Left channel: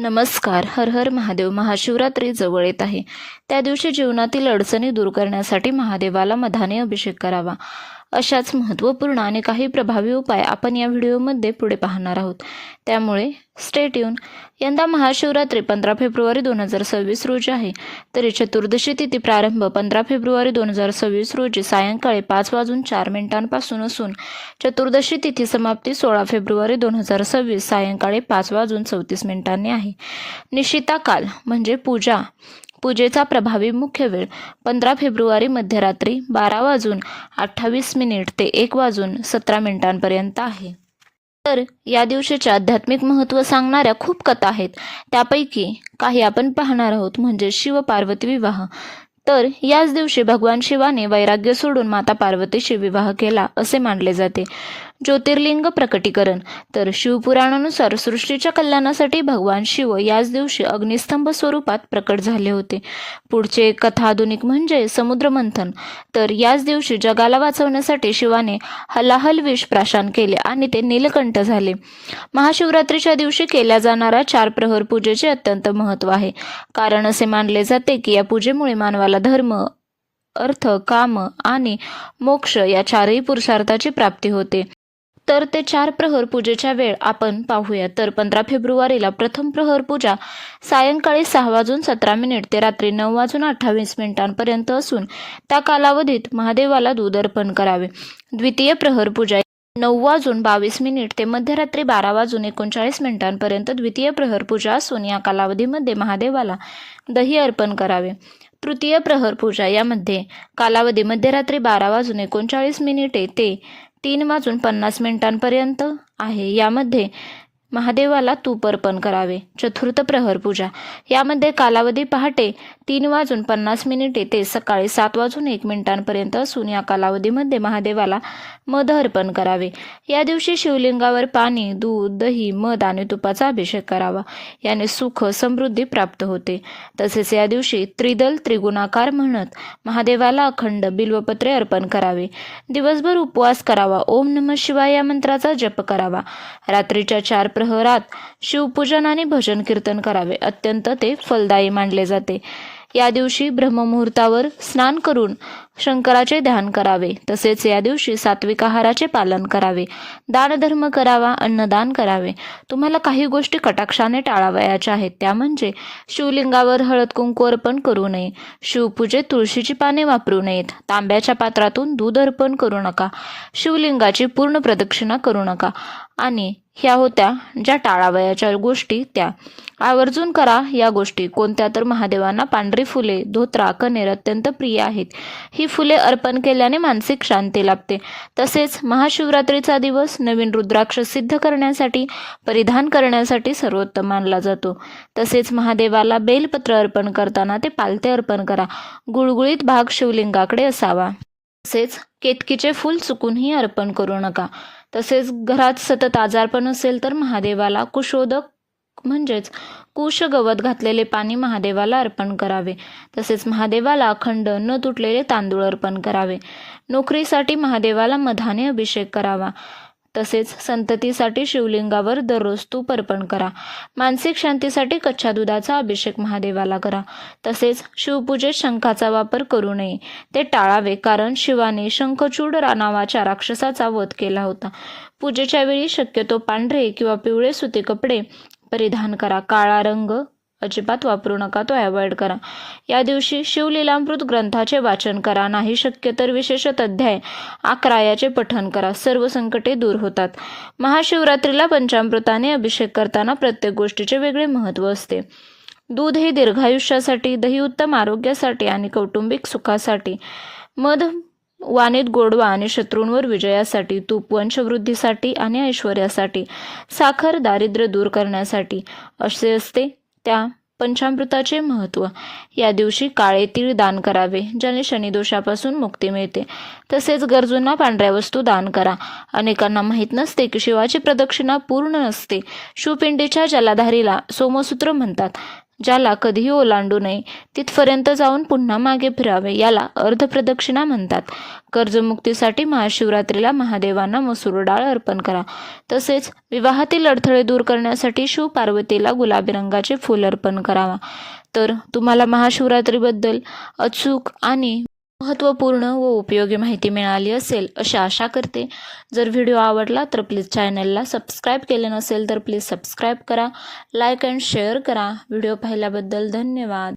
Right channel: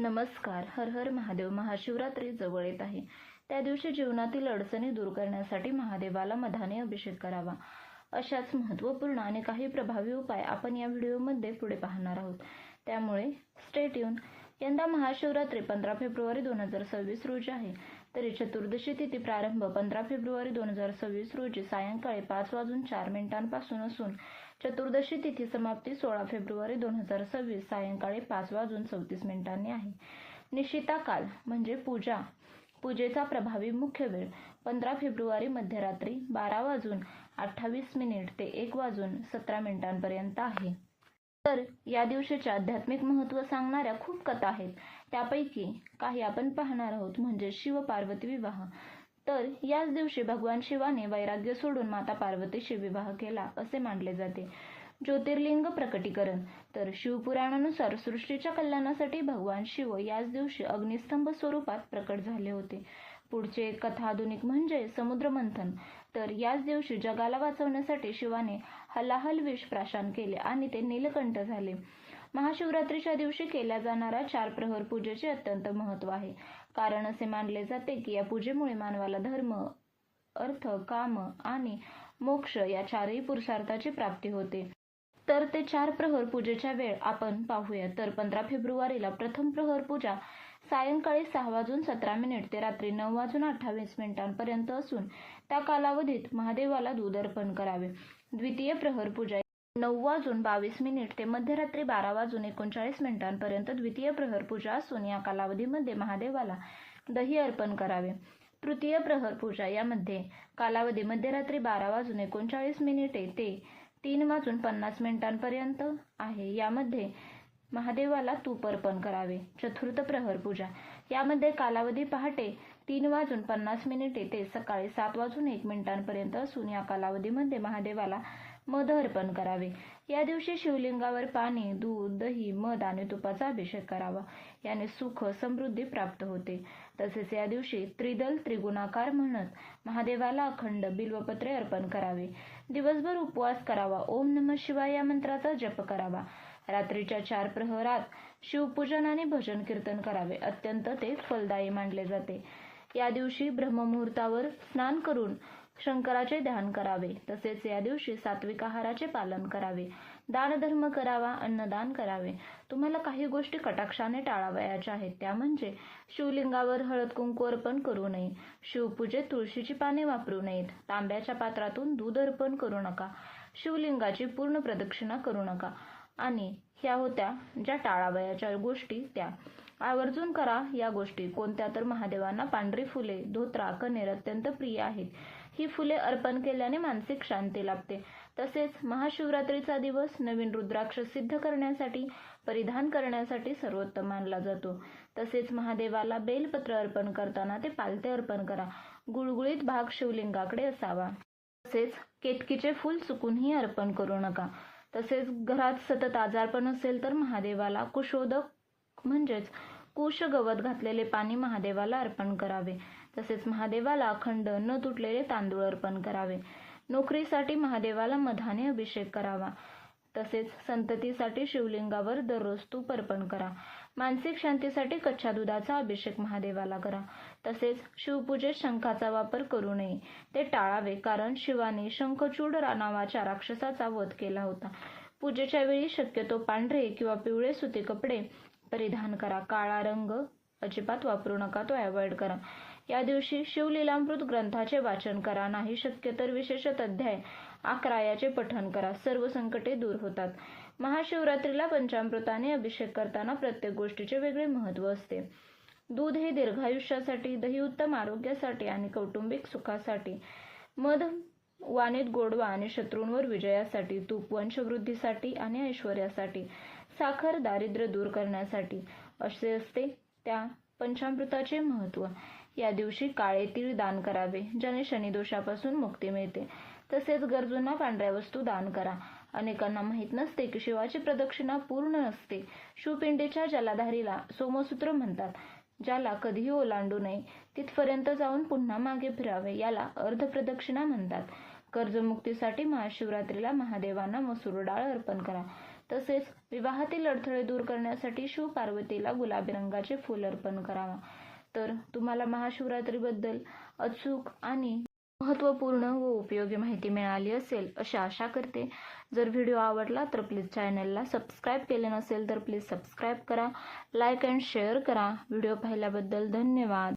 नमस्कार. हर हर महादेव. महाशिवरात्री जवळ येत आहे. त्या दिवशी जीवनातील अडचणी दूर करण्यासाठी महादेवाला मधाने अभिषेक करावा. अशाच महत्त्वपूर्ण आणि काही प्रभावी उपाय आपण या व्हिडिओमध्ये पुढे पाहणार आहोत. त्यामुळे स्टे ट्यून. यंदा महाशिवरात्री 15 फेब्रुवारी 2026 रोजी आहे. तरी चतुर्दशी तिथी प्रारंभ 15 फेब्रुवारी 2026 रोजी सायंकाळी 5:04 असून चतुर्दशी तिथी समाप्ती 16 फेब्रुवारी 2026 सायंकाळी 5:34 आहे. निशिता काल म्हणजे पूजेचा प्रभावी मुख्य वेळ 15 फेब्रुवारी मध्यरात्री 12:28 ते 1:17 आहे. तर या दिवशीचे आध्यात्मिक महत्त्व सांगणाऱ्या खूप कथा आहेत. त्यापैकी काही आपण पाहणार आहोत. म्हणजे शिव पार्वती विवाह. तर याच दिवशी भगवान शिवाने वैराग्य सोडून माता पार्वतीशी विवाह केला असे मानले जाते. ज्योतिर्लिंग प्रकटीकरण. तर शिवपुराणानुसार सृष्टीच्या कल्याणासाठी भगवान शिव याच दिवशी अग्निस्तंभ स्वरूपात प्रकट झाले होते. पुढचे कथा आधुनिक म्हणजे समुद्रमंथन. तर याच दिवशी जगाला वाचवण्यासाठी शिवाने हलाहल विष प्राशन केले आणि ते नीलकंठ झाले. महाशिवरात्रीच्या दिवशी केल्या जाणाऱ्या 4 प्रहर पूजेचे अत्यंत महत्त्व आहे. कारण असे मानले जाते की या पूजेमुळे मानवाला धर्म, अर्थ, काम आणि मोक्ष या 4ही पुरुषार्थाची प्राप्ती होते. तर ते 4 प्रहर पूजेच्या वेळ आपण पाहूया. तर 15 फेब्रुवारीला प्रथम प्रहर पूजा सायंकाळी 6:17 ते रात्री 9:28 असून त्या कालावधीत महादेवाला दूध अर्पण करावे. द्वितीय प्रहर पूजा 9:22 ते मध्यरात्री 12:39 द्वितीय प्रहर पूजा असून या कालावधीमध्ये महादेवाला दही अर्पण करावे. तृतीय प्रहर पूजा यामध्ये कालावधी मध्यरात्री 12:39 ते 3:50 आहे. यामध्ये महादेवाला तूप अर्पण करावे. चतुर्थ प्रहर पूजा यामध्ये कालावधी पहाटे 3:50 ते सकाळी 7:01 असून या कालावधीमध्ये महादेवाला मध अर्पण करावे. या दिवशी शिवलिंगावर पाणी, दूध, दही, मध आणि तुपाचा अभिषेक करावा. याने सुख समृद्धी प्राप्त होते. तसेच या दिवशी त्रिदल त्रिगुणाकार म्हणत महादेवाला अखंड बिल्वपत्रे अर्पण करावे. दिवसभर उपवास करावा. ओम नमः शिवाय या मंत्राचा जप करावा. रात्रीच्या 4 प्रहरात शिवपूजन आणि भजन कीर्तन करावे. अत्यंत ते फलदायी मानले जाते. या दिवशी ब्रह्ममुहूर्तावर स्नान करून शंकराचे ध्यान करावे. तसेच या दिवशी सात्विक आहाराचे पालन करावे. दानधर्म करावा. अन्नदान करावे. तुम्हाला काही गोष्टी कटाक्षाने टाळावयाच्या आहेत. त्या म्हणजे शिवलिंगावर हळद कुंकू अर्पण करू नये. शिवपूजेत तुळशीची पाने वापरू नयेत. तांब्याच्या पात्रातून दूध अर्पण करू नका. शिवलिंगाची पूर्ण प्रदक्षिणा करू नका. आणि ह्या होत्या ज्या टाळावयाच्या गोष्टी. त्या आवर्जून करा. या गोष्टी कोणत्या? तर महादेवांना पांढरी फुले, धोत्रा, कनेर अत्यंत प्रिय आहेत. ही फुले अर्पण केल्याने मानसिक शांती लाभते. तसेच महाशिवरात्रीचा दिवस नवीन रुद्राक्ष सिद्ध करण्यासाठी परिधान करण्यासाठी सर्वोत्तम मानला जातो. तसेच महादेवाला बेलपत्र अर्पण करताना ते पालथे अर्पण करा. गुळगुळीत भाग शिवलिंगाकडे असावा. तसेच केतकीचे फूल चुकूनही अर्पण करू नका. तसेच घरात सतत आजारपण असेल तर महादेवाला कुशोदक म्हणजेच कुश गवत घातलेले पाणी महादेवाला अर्पण करावे. तसेच महादेवाला अखंड न तुटलेले तांदूळ अर्पण करावे. नोकरीसाठी महादेवाला मधाने अभिषेक करावा. तसेच संततीसाठी शिवलिंगावर दररोज तूप अर्पण करा. मानसिक शांतीसाठी कच्च्या दुधाचा अभिषेक महादेवाला करा. तसेच शिवपूजेत शंखाचा वापर करू नये. ते टाळावे. कारण शिवाने शंखचूड नावाच्या राक्षसाचा वध केला होता. पूजेच्या वेळी शक्यतो पांढरे किंवा पिवळे सुती कपडे परिधान करा. काळा रंग अजिबात वापरू नका. तो अवॉइड करा. या दिवशी शिवलीलामृत ग्रंथाचे वाचन करा. नाही शक्य तर विशेषत अध्याय 11 याचे पठण करा. सर्व संकटे दूर होतात. महाशिवरात्रीला पंचामृताने अभिषेक करताना प्रत्येक गोष्टीचे वेगळे महत्त्व असते. दूध हे दीर्घायुष्यासाठी, दही उत्तम आरोग्यासाठी आणि कौटुंबिक सुखासाठी, मध वाणीत गोडवा आणि शत्रूंवर विजयासाठी, तूप वंशवृद्धीसाठी आणि ऐश्वर्यासाठी, साखर दारिद्र्य दूर करण्यासाठी असे असते त्या पंचामृताचे महत्त्व. या दिवशी काळे तीळ दान करावे, ज्याने शनिदोषापासून मुक्ती मिळते. तसेच गरजूंना पांढऱ्या वस्तू दान करा. अनेकांना माहीत नसते की शिवाची प्रदक्षिणा पूर्ण नसते. शिवपिंडीच्या जलाधारीला सोमसूत्र म्हणतात. ज्याला कधीही ओलांडू नये, तिथपर्यंत जाऊन पुन्हा मागे फिरावे, याला अर्धप्रदक्षिणा म्हणतात. कर्जमुक्तीसाठी महाशिवरात्रीला महादेवांना मसूर डाळ अर्पण करा. तसेच विवाहातील अडथळे दूर करण्यासाठी शिव पार्वतीला गुलाबी रंगाचे फूल अर्पण करावा. तर तुम्हाला महाशिवरात्रीबद्दल अचूक आणि महत्त्वपूर्ण व उपयोगी माहिती मिळाली असेल अशी आशा करते. जर व्हिडिओ आवडला तर प्लीज चॅनलला सबस्क्राईब केले नसेल तर प्लीज सबस्क्राईब करा, लाईक अँड शेअर करा. व्हिडिओ पाहिल्याबद्दल धन्यवाद.